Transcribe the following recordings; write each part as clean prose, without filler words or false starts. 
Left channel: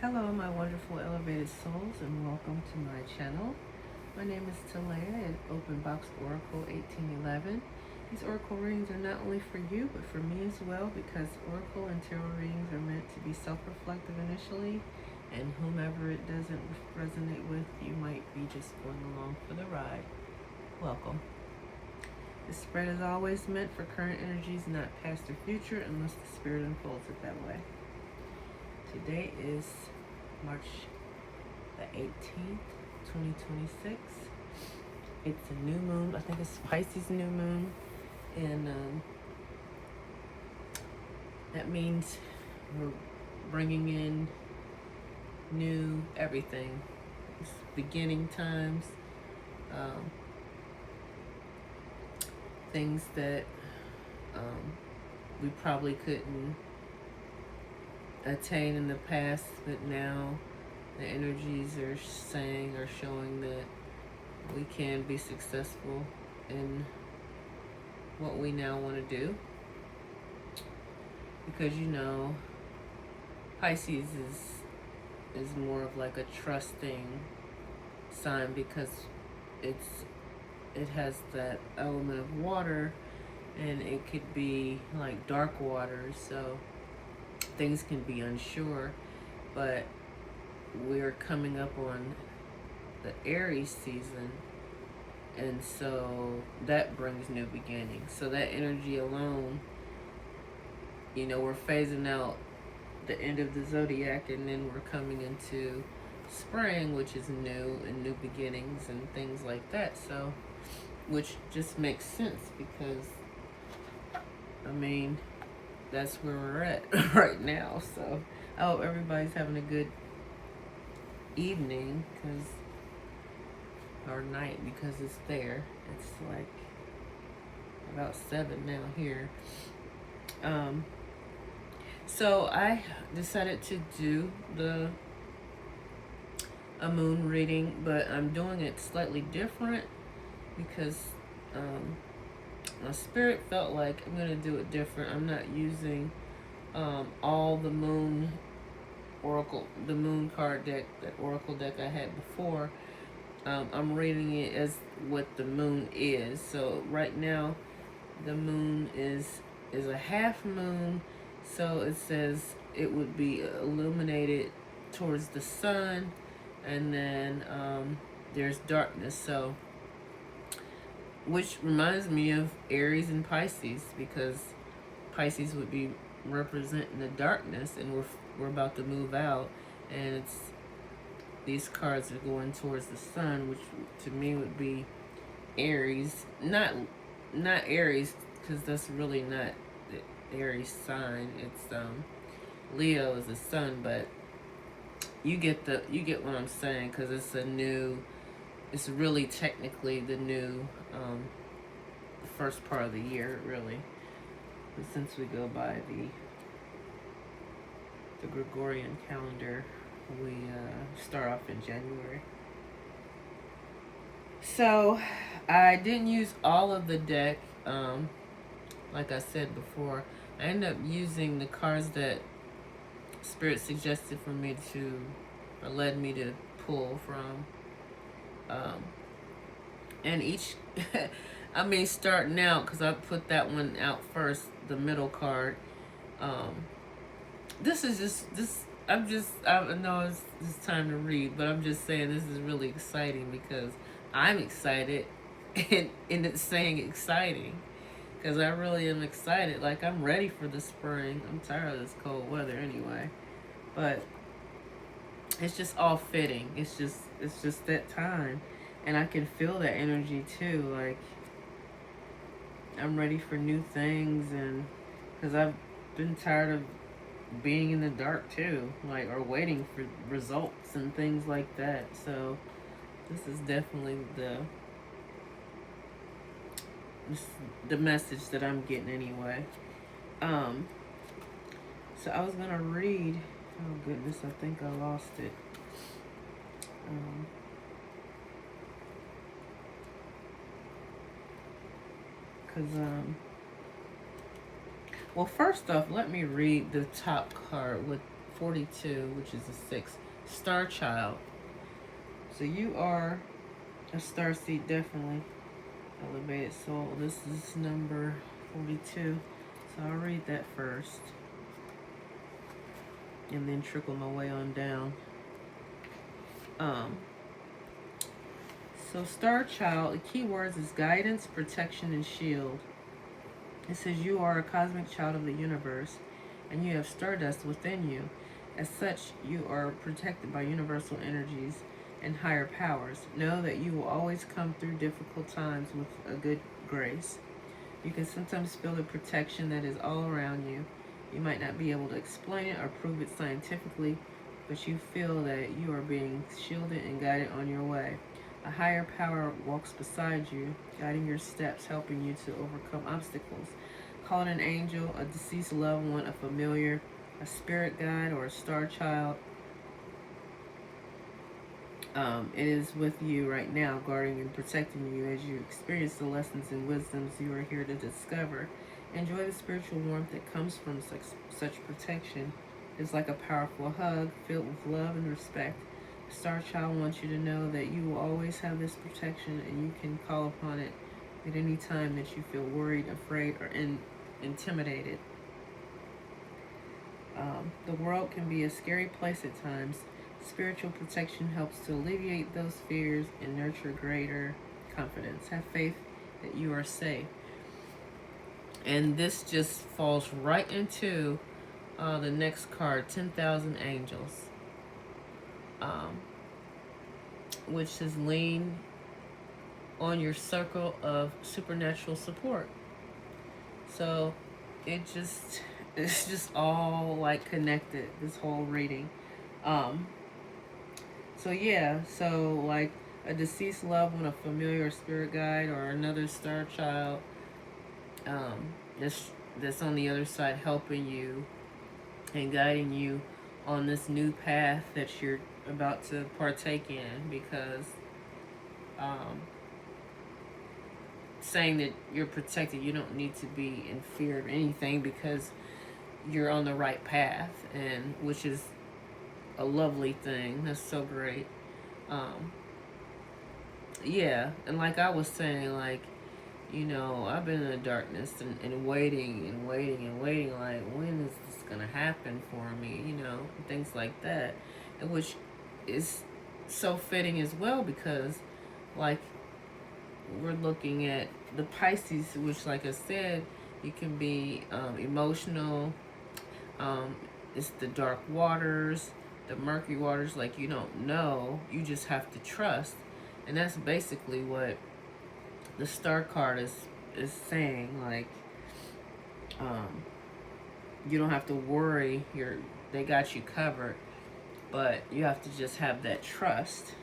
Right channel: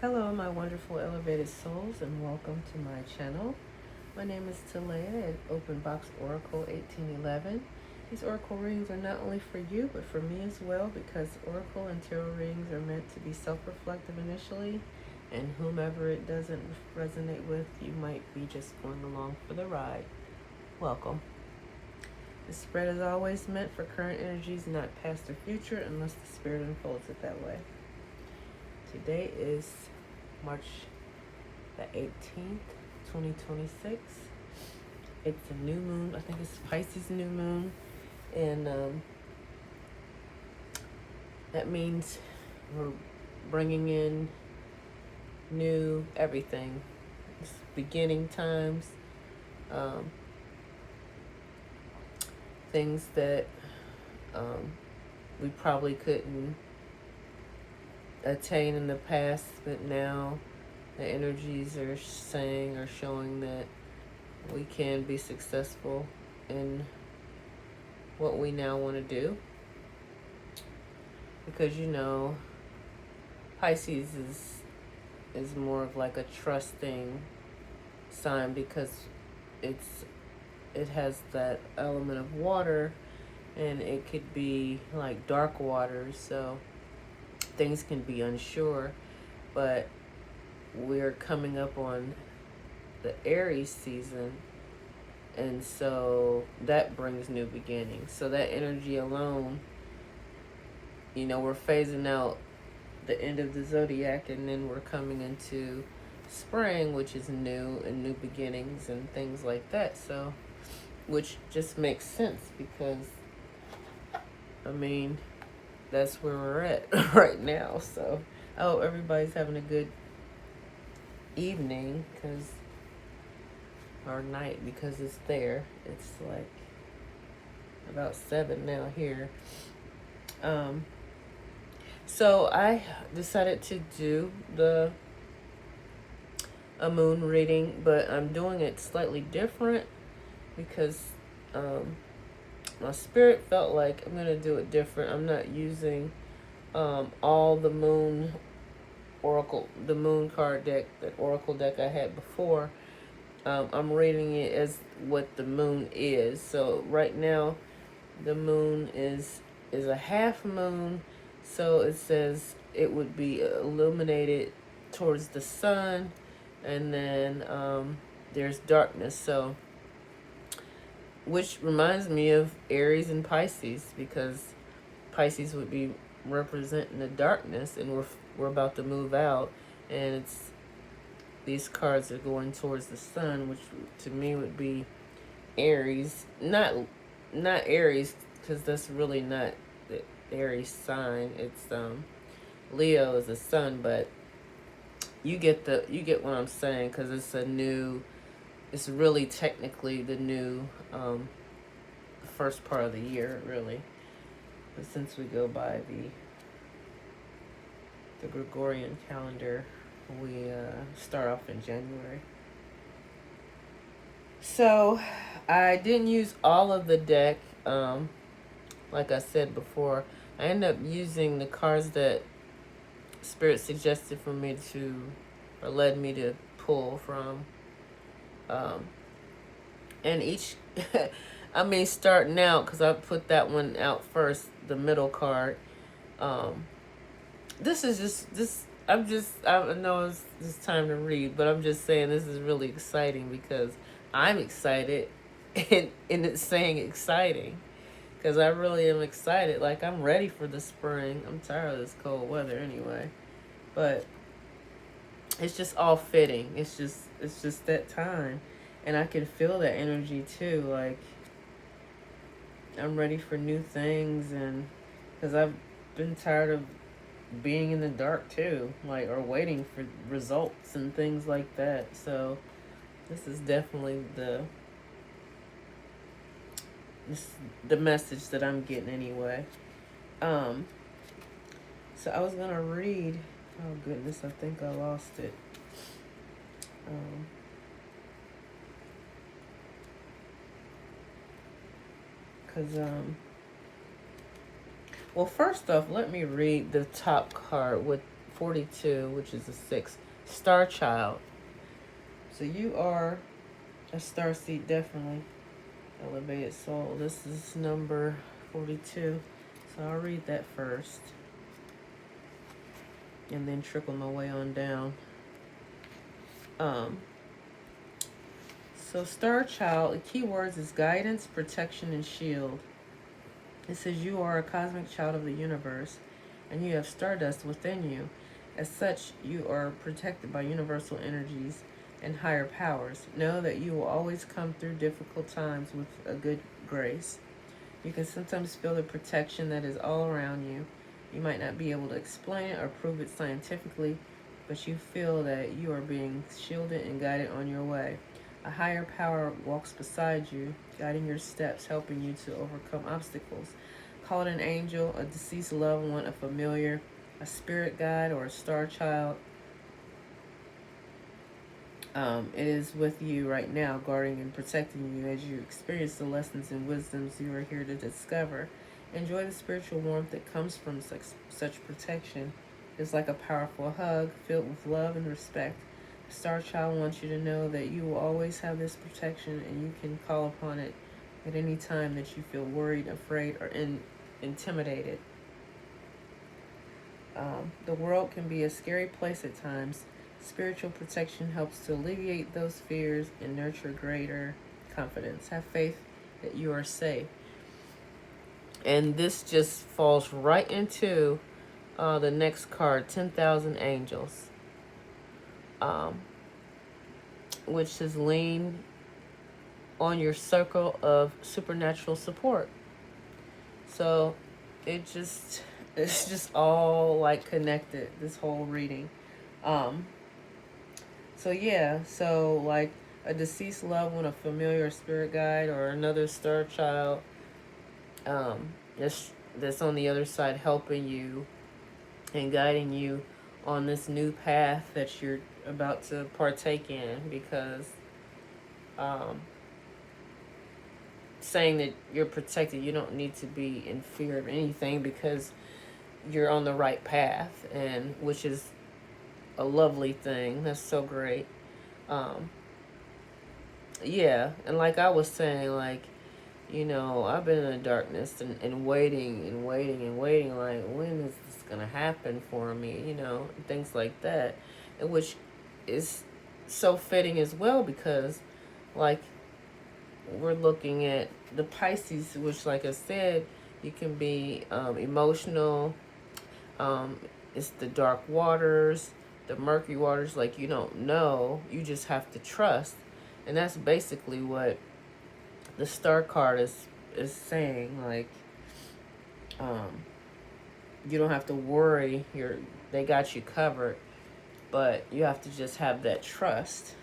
Hello, my wonderful elevated souls, and welcome to my channel. My name is Talea at Open Box Oracle 1811. These oracle readings are not only for you, but for me as well, because oracle and tarot readings are meant to be self-reflective initially, and whomever it doesn't resonate with, you might be just going along for the ride. Welcome. The spread is always meant for current energies, not past or future, unless the spirit unfolds it that way. Today is March the 18th, 2026. It's a new moon. I think it's Pisces new moon. And that means we're bringing in new everything. It's beginning times. Things that we probably couldn't attain in the past, but now the energies are showing that we can be successful in what we now want to do, because Pisces is more of like a trusting sign, because it has that element of water, and it could be like dark waters, so things can be unsure. But we're coming up on the Aries season, and so that brings new beginnings. So that energy alone, we're phasing out the end of the zodiac, and then we're coming into spring, which is new and new beginnings and things like that. So, which just makes sense, because that's where we're at right now. So I hope everybody's having a good evening, or night, because it's there. It's like about 7 now here. So I decided to do a moon reading, but I'm doing it slightly different, because my spirit felt like I'm going to do it different. I'm not using all the moon oracle, the moon card deck, that oracle deck I had before. I'm reading it as what the moon is. So right now, the moon is a half moon. So it says it would be illuminated towards the sun, and then there's darkness. So, which reminds me of Aries and Pisces, because Pisces would be representing the darkness, and we're about to move out, and these cards are going towards the sun, which to me would be Aries. Not Aries, because that's really not the Aries sign. It's Leo is the sun, but you get what I'm saying, because it's really technically the new first part of the year, really. But since we go by the Gregorian calendar, we start off in January. So I didn't use all of the deck. Like I said before, I ended up using the cards that Spirit suggested for me or led me to pull from. And each, starting out, because I put that one out first, the middle card. This is just, I know it's time to read, but I'm just saying this is really exciting, because I'm excited, and it's saying exciting, because I really am excited. Like, I'm ready for the spring. I'm tired of this cold weather anyway, but it's just all fitting. It's just that time, and I can feel that energy too. Like, I'm ready for new things, and because I've been tired of being in the dark too, like, or waiting for results and things like that. So this is definitely the message that I'm getting anyway. So I was gonna read, oh goodness, I think I lost it. Well, first off, let me read the top card 42, which is a 6. Star child. So you are a star seed, definitely. Elevated soul. This is number 42. So I'll read that first. And then trickle my way on down. So star child, the key words is guidance, protection, and shield. It says you are a cosmic child of the universe, and you have stardust within you. As such, you are protected by universal energies and higher powers. Know that you will always come through difficult times with a good grace. You can sometimes feel the protection that is all around you. You might not be able to explain it or prove it scientifically, but you feel that you are being shielded and guided on your way. A higher power walks beside you, guiding your steps, helping you to overcome obstacles. Call it an angel, a deceased loved one, a familiar, a spirit guide, or a star child. It is with you right now, guarding and protecting you as you experience the lessons and wisdoms you are here to discover. Enjoy the spiritual warmth that comes from such protection. It's like a powerful hug filled with love and respect. The star child wants you to know that you will always have this protection, and you can call upon it at any time that you feel worried, afraid, or intimidated. The world can be a scary place at times. Spiritual protection helps to alleviate those fears and nurture greater confidence. Have faith that you are safe. And this just falls right into the next card, 10,000 Angels, which is lean on your circle of supernatural support. So it's just all like connected, this whole reading. So yeah, so like a deceased loved one, a familiar spirit guide, or another star child that's on the other side helping you and guiding you on this new path that you're about to partake in, because saying that you're protected, you don't need to be in fear of anything, because you're on the right path, and which is a lovely thing. That's so great. Yeah, and like I was saying, like, I've been in the darkness and waiting and waiting and waiting, like, when is this gonna happen for me, and things like that, and which is so fitting as well, because like we're looking at the Pisces, which, like I said, you can be emotional. It's the dark waters, the murky waters, like you don't know, you just have to trust. And that's basically what the star card is saying, like, you don't have to worry, they got you covered, but you have to just have that trust,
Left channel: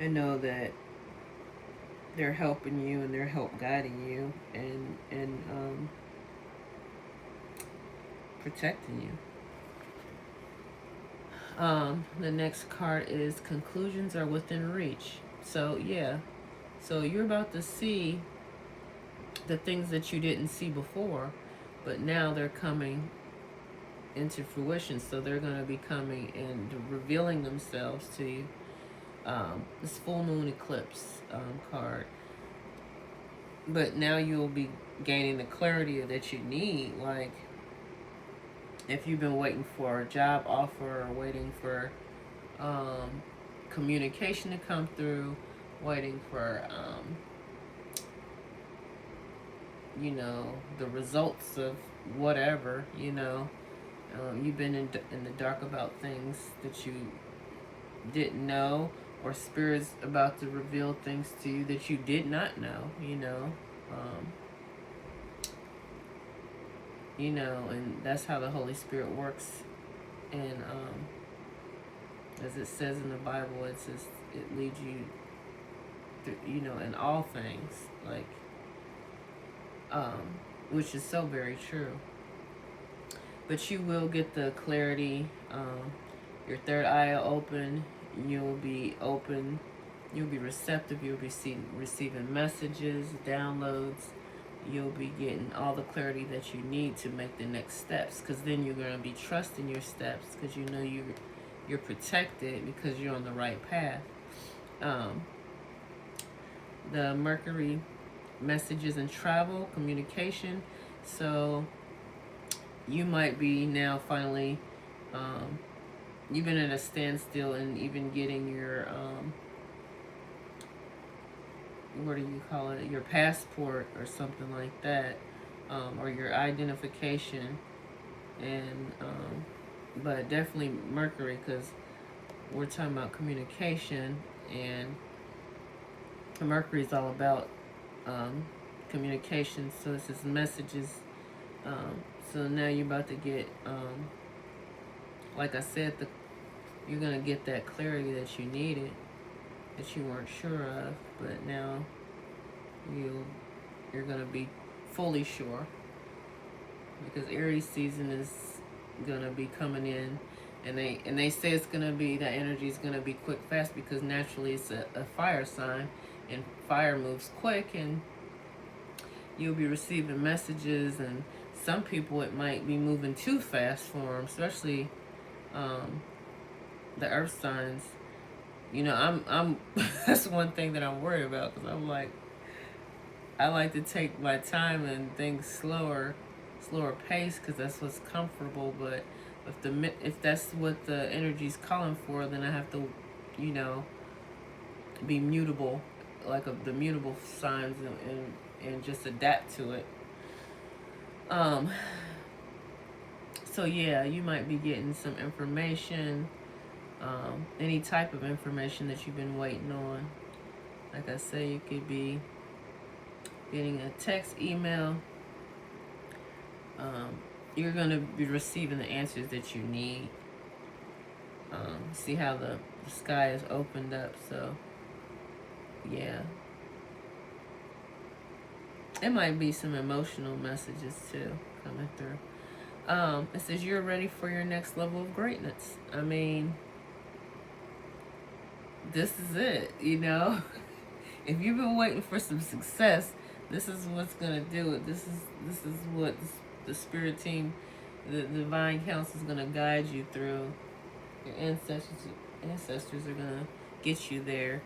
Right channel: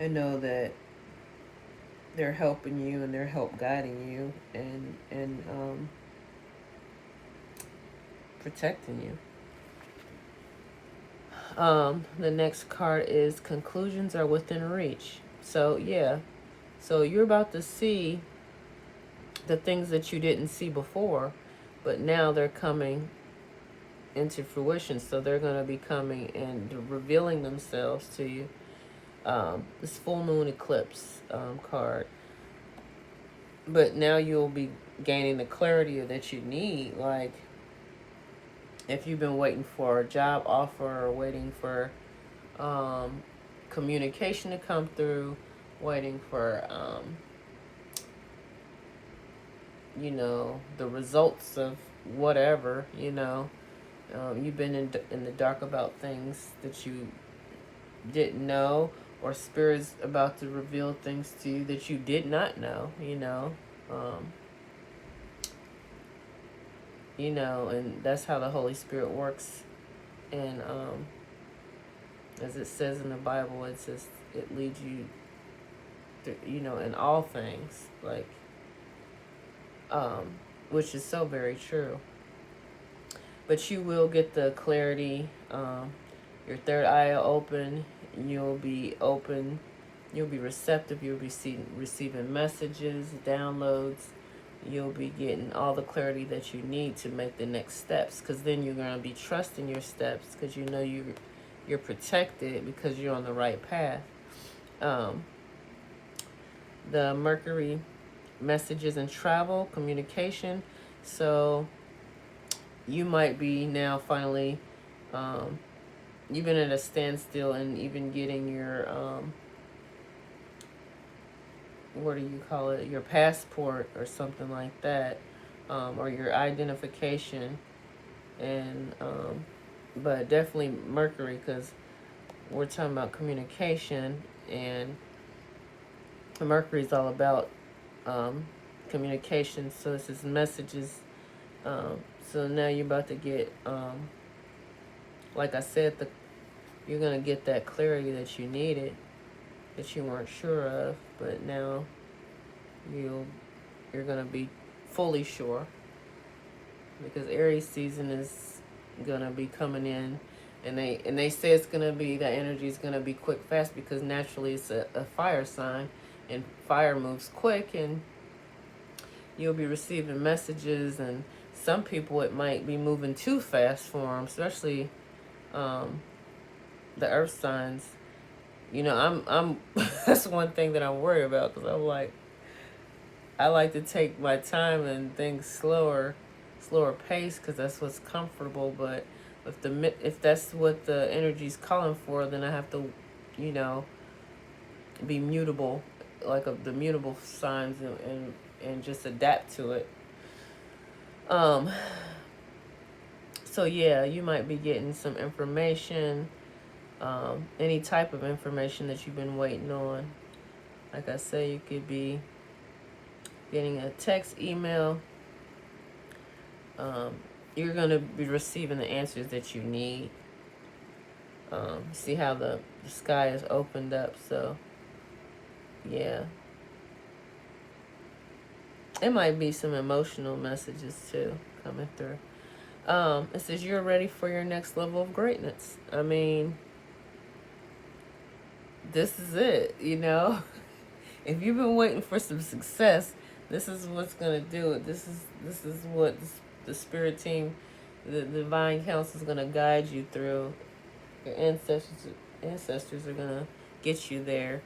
and know that they're helping you and they're help guiding you and protecting you. The next card is conclusions are within reach. So yeah, so you're about to see the things that you didn't see before, but now they're coming into fruition. So they're going to be coming and revealing themselves to you. This full moon eclipse card. But now you'll be gaining the clarity that you need. Like, if you've been waiting for a job offer, or waiting for communication to come through, waiting for the results of whatever, you've been in the dark about things that you didn't know, or Spirit's about to reveal things to you that you did not know, and that's how the Holy Spirit works. And as it says in the Bible, it says it leads you through, in all things, like, which is so very true. But you will get the clarity. Your third eye will open. You'll be open. You'll be receptive. You'll be receiving messages, downloads, you'll be getting all the clarity that you need to make the next steps, because then you're going to be trusting your steps, because you know you're protected because you're on the right path. The Mercury messages and travel, communication. So you might be now finally, you've been at a standstill and even getting your, what do you call it, your passport or something like that, or your identification. And but definitely Mercury, because we're talking about communication, and Mercury is all about communication. So this is messages. So now you're about to get, like I said, you're gonna get that clarity that you needed, that you weren't sure of, but now you're gonna be fully sure, because Aries season is gonna be coming in, and they say it's gonna be, that energy is gonna be quick, fast, because naturally it's a fire sign, and fire moves quick, and you'll be receiving messages, and some people it might be moving too fast for them, especially the earth signs. You know, I'm that's one thing that I'm worried about, because I'm like, I like to take my time and things slower pace, because that's what's comfortable. But if that's what the energy's calling for, then I have to, you know, be mutable, like the mutable signs, and just adapt to it. So yeah, you might be getting some information, any type of information that you've been waiting on. Like I say, you could be getting a text, email. You're going to be receiving the answers that you need. See how the sky is opened up. So yeah, it might be some emotional messages too coming through. It says you're ready for your next level of greatness. I mean, this is it, you know. If you've been waiting for some success, this is what's gonna do it. This is what the spirit team, the divine council is gonna guide you through. Your ancestors are gonna get you there.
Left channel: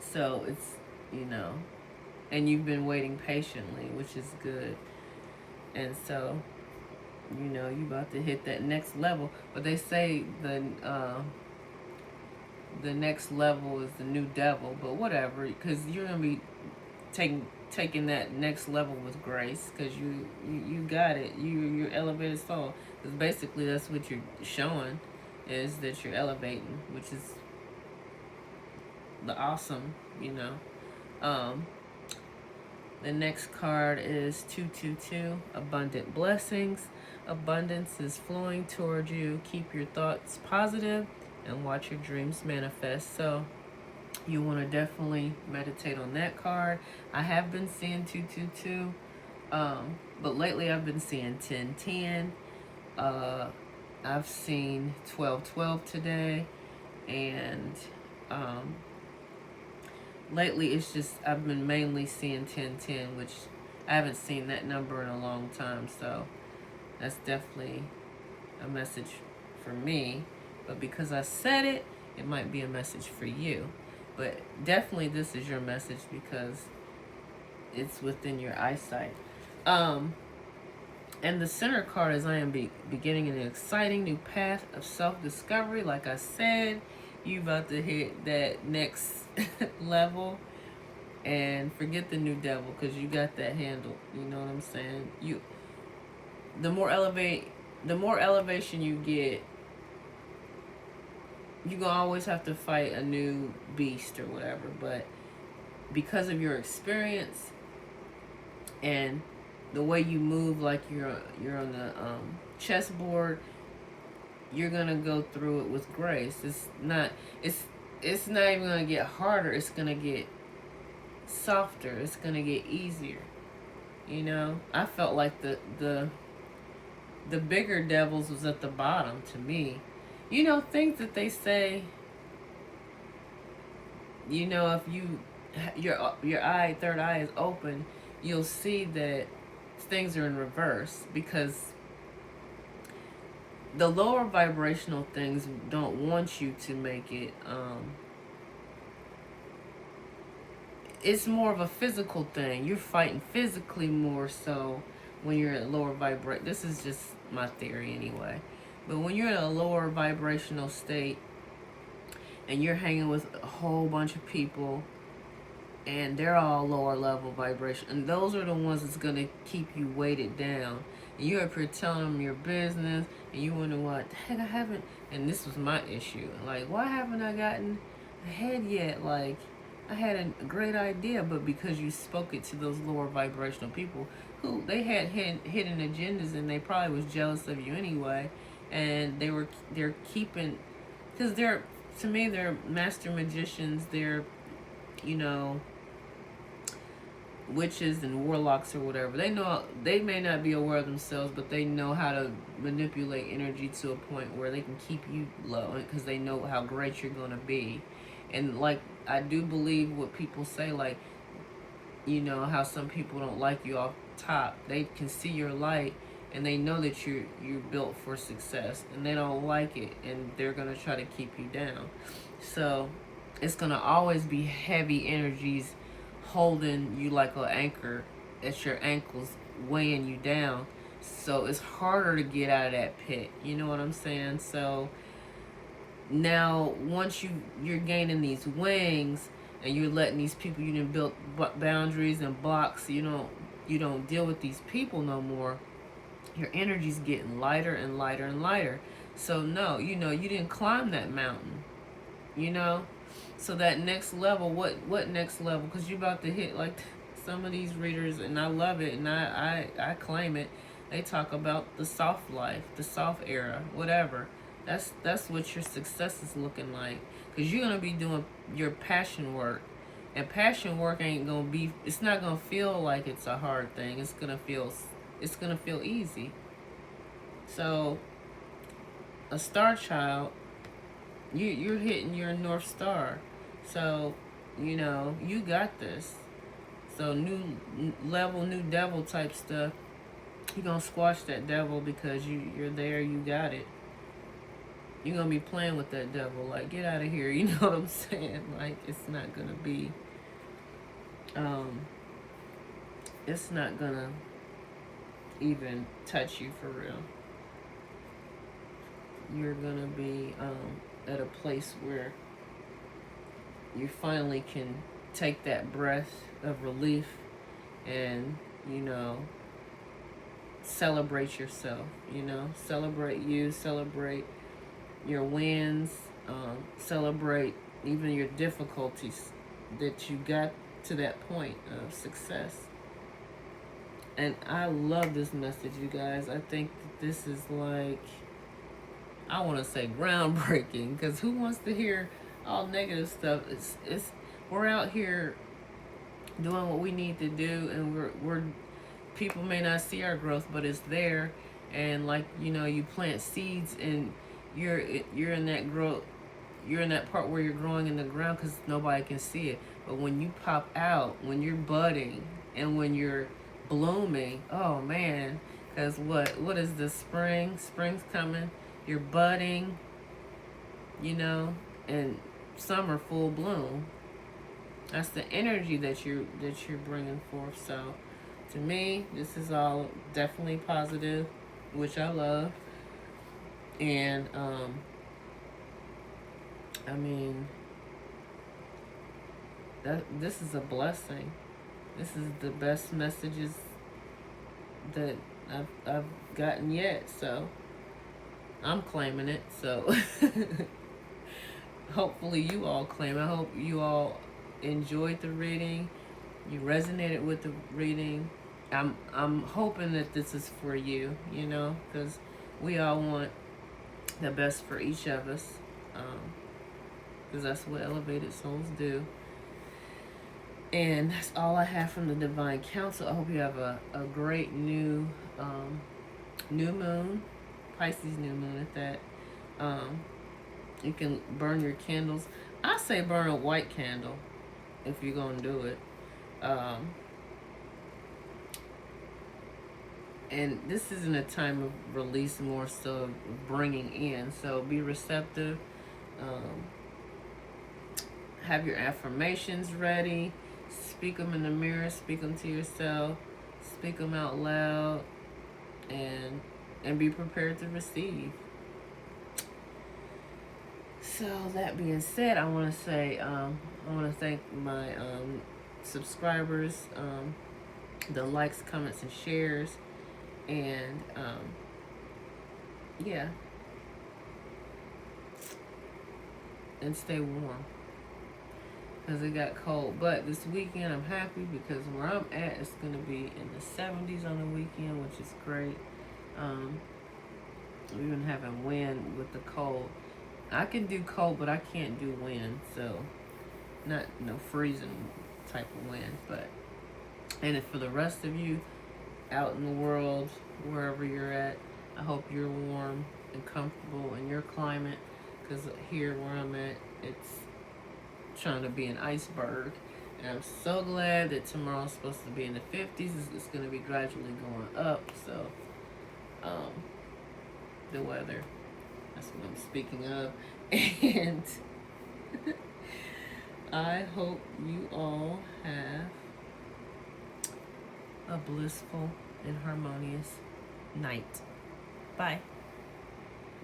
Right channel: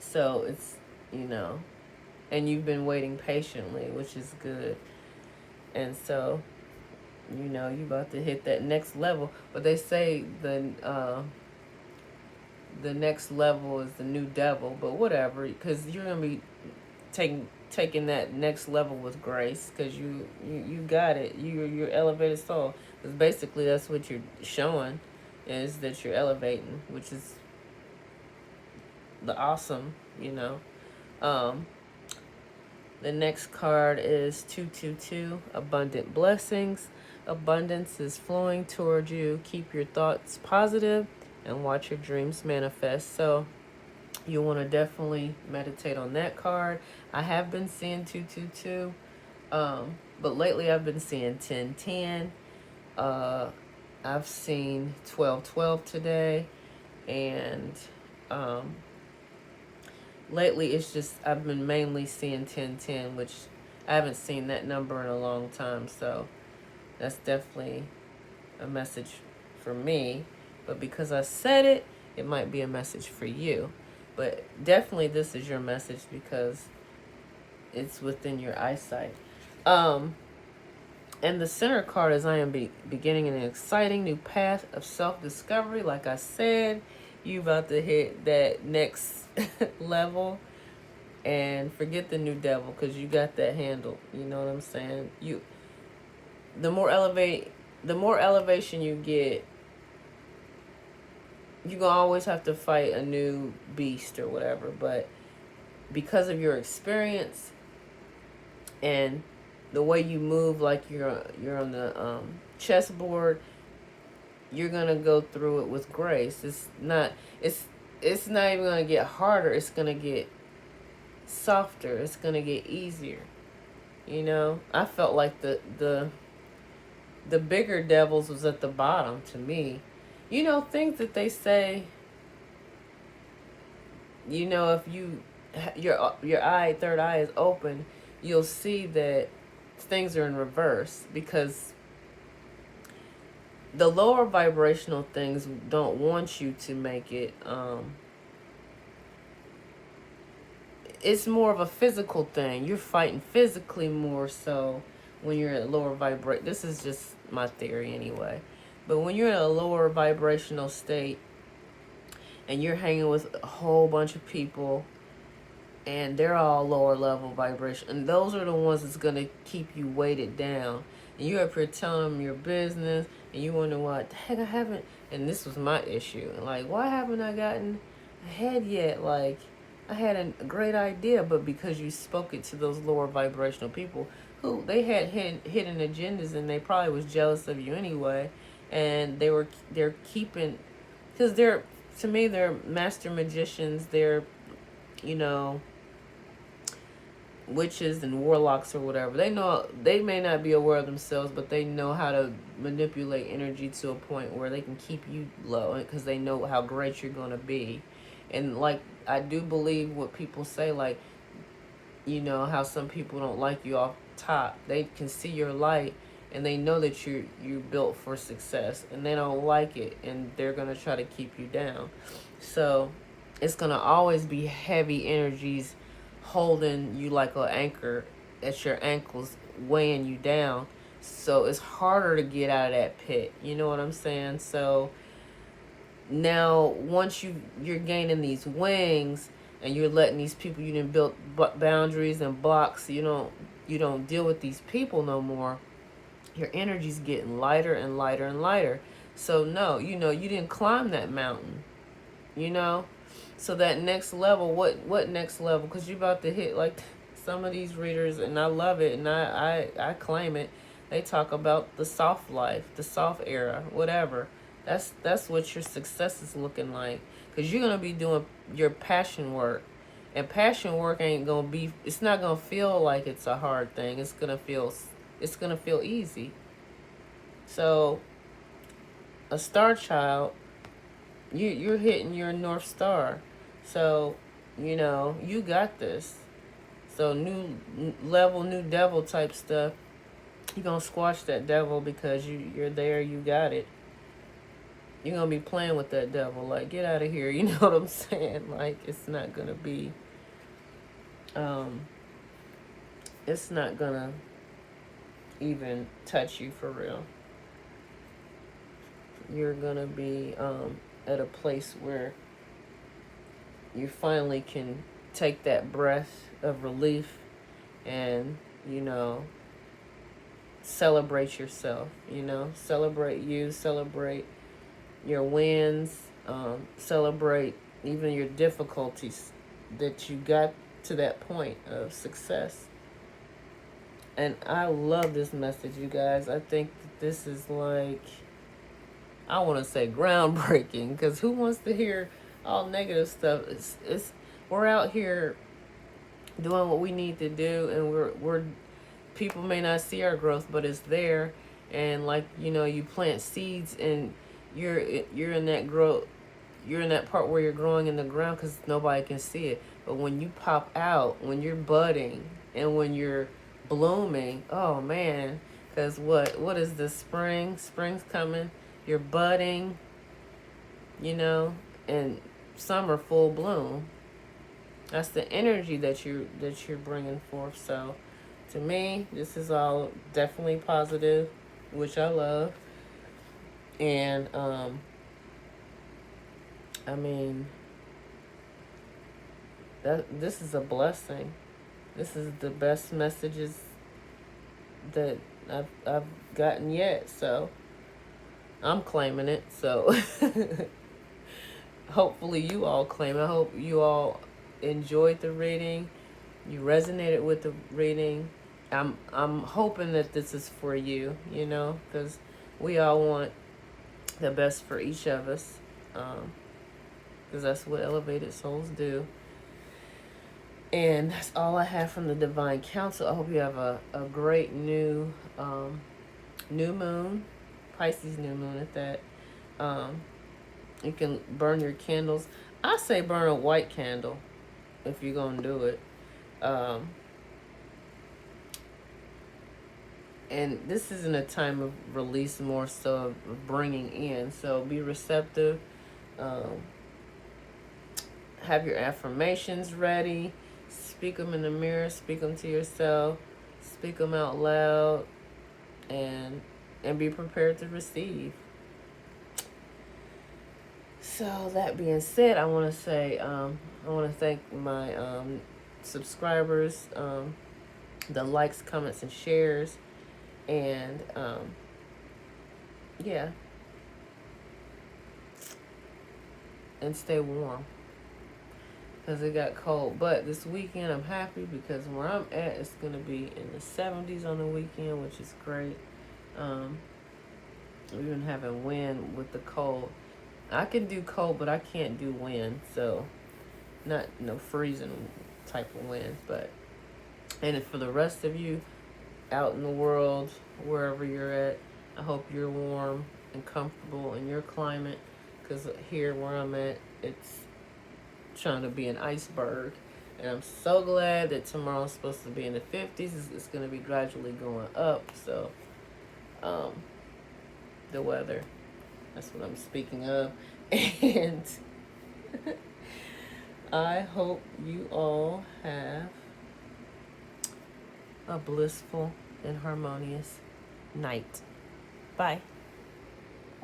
So it's, you know, and you've been waiting patiently, which is good. And so, you know, you about to hit that next level. But they say the next level is the new devil, but whatever, because you're gonna be taking that next level with grace, because you got it. You're elevated soul. Because basically that's what you're showing, is that you're elevating, which is the awesome, you know. The next card is 222, abundant blessings. Abundance is flowing toward you. Keep your thoughts positive and watch your dreams manifest. So you want to definitely meditate on that card. I have been seeing 222, but lately I've been seeing 1010. I've seen 1212 today, and lately it's just, I've been mainly seeing 1010, which I haven't seen that number in a long time. So that's definitely a message for me. But because I said it, it might be a message for you. But definitely this is your message, because it's within your eyesight. And the center card is, I am beginning an exciting new path of self-discovery. Like I said, you about to hit that next level, and forget the new devil, because you got that handled. You know what I'm saying? The more elevation you get, you're gonna always have to fight a new beast or whatever. But because of your experience and the way you move, like you're on the chessboard, you're gonna go through it with grace. It's not even gonna get harder. It's gonna get softer. It's gonna get easier. You know, I felt like the bigger devils was at the bottom to me. You know, things that they say, you know, if your third eye is open, you'll see that things are in reverse, because the lower vibrational things don't want you to make it. It's more of a physical thing. You're fighting physically more so when you're at lower vibration. This is just my theory anyway. But when you're in a lower vibrational state and you're hanging with a whole bunch of people and they're all lower level vibration, and those are the ones that's going to keep you weighted down. And you're up here telling them your business, and you wonder what the heck I haven't. And this was my issue. Like, why haven't I gotten ahead yet? Like, I had a great idea, but because you spoke it to those lower vibrational people who they had hidden agendas, and they probably was jealous of you anyway, and they're keeping, because they're, to me, they're master magicians. They're, you know, witches and warlocks or whatever. They know, they may not be aware of themselves, but they know how to manipulate energy to a point where they can keep you low, because they know how great you're going to be. And like, I do believe what people say, like, you know, how some people don't like you off top. They can see your light, and they know that you're built for success, and they don't like it, and they're going to try to keep you down. So it's going to always be heavy energies holding you like an anchor at your ankles, weighing you down. So it's harder to get out of that pit. You know what I'm saying? So now once you're gaining these wings, and you're letting these people, you didn't build boundaries and blocks, you don't deal with these people no more, your energy's getting lighter and lighter and lighter. So no, you didn't climb that mountain, you know. So that next level, what next level? Because you're about to hit, like, some of these readers, and I love it, and I claim it. They talk about the soft life, the soft era, whatever. That's what your success is looking like. Because you're gonna be doing your passion work, and passion work ain't gonna be. It's not gonna feel like it's a hard thing. It's gonna feel easy. So, a star child, you're hitting your North Star. So, you got this. So new level, new devil type stuff. You're gonna squash that devil because you're there, you got it. You're gonna be playing with that devil, like, get out of here, you know what I'm saying? Like, it's not gonna be it's not gonna even touch you for real. You're gonna be at a place where you finally can take that breath of relief and, celebrate yourself, celebrate you, celebrate your wins, celebrate even your difficulties, that you got to that point of success. And I love this message, you guys. I think that this is, like, I want to say groundbreaking, because who wants to hear all negative stuff? It's we're out here doing what we need to do, and we're people may not see our growth, but it's there. And, like, you plant seeds, and you're in that growth. You're in that part where you're growing in the ground because nobody can see it. But when you pop out, when you're budding, and when you're blooming, oh man, because what is the spring? Spring's coming. You're budding, and summer full bloom. That's the energy that you're bringing forth. So, to me, this is all definitely positive, which I love. And I mean, this is a blessing. This is the best messages that I've gotten yet. So I'm claiming it. So hopefully you all claim. I hope you all enjoyed the reading. You resonated with the reading. I'm hoping that this is for you, because we all want the best for each of us, because that's what elevated souls do. And that's all I have from the Divine Council. I hope you have a great new moon, Pisces new moon at that. You can burn your candles. I say burn a white candle if you're going to do it. and this isn't a time of release, more so of bringing in. So be receptive. Um, have your affirmations ready. Speak them in the mirror. Speak them to yourself. Speak them out loud, and be prepared to receive. So that being said, I want to say I want to thank my subscribers, the likes, comments, and shares, and yeah, and stay warm because it got cold. But this weekend I'm happy because where I'm at, it's gonna be in the 70s on the weekend, which is great. We've been having wind with the cold. I can do cold, but I can't do wind. So not no freezing type of wind, but and for the rest of you out in the world, wherever you're at, I hope you're warm and comfortable in your climate, because here where I'm at, it's trying to be an iceberg. And I'm so glad that tomorrow's supposed to be in the 50s. It's going to be gradually going up. So the weather, that's what I'm speaking of. And I hope you all have a blissful and harmonious night. Bye.